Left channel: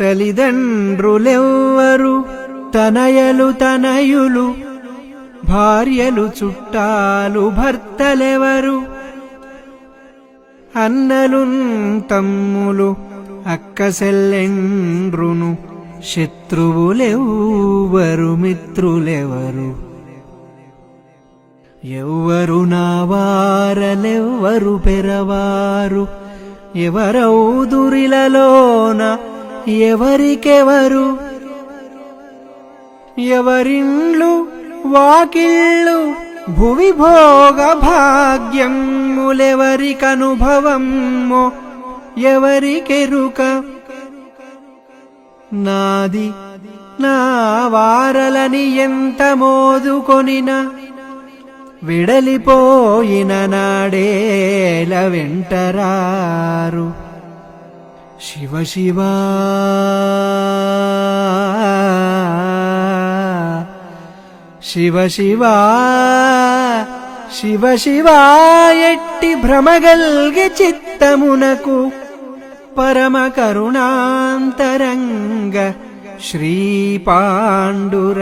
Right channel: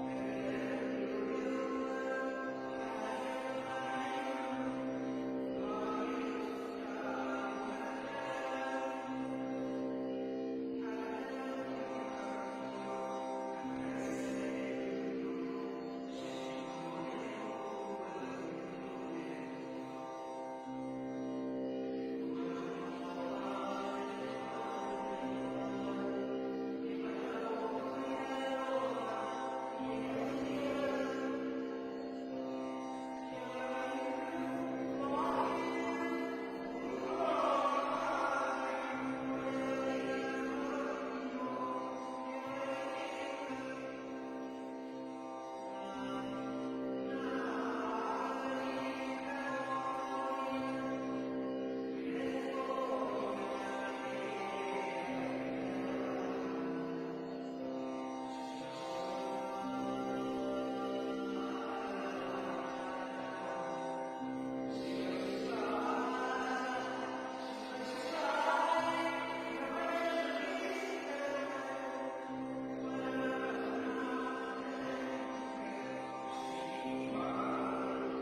తల్లిదండ్రులెవ్వరు తనయలు తనయులు భార్యలు చుట్టాలు భర్తలెవరు అన్నలు తమ్ములు అక్క సెల్లెండ్రును శత్రువులెవ్వరు మిత్రులెవరు ఎవ్వరు నా వారలెవ్వరు పెరవారు ఎవరౌదురిలలోన ఎవరికెవరు ఎవరిండ్లు వాకిళ్ళు భువి భోగ భాగ్యములెవరికనుభవమ్మో ఎవరికెరుక నాది నా వారలని ఎంత మోదుకొనిన విడలిపోయిన నాడేల వెంటరారు శివ శివ శివ శివ శివ శివ ఎట్టి భ్రమగల్గె చిత్తమునకు పరమ కరుణాంతరంగ శ్రీ పాండురంగ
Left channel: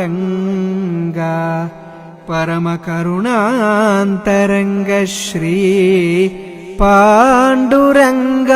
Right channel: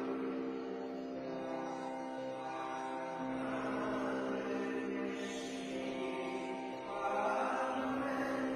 పరమ కరుణాంతరంగ శ్రీ పాండురంగ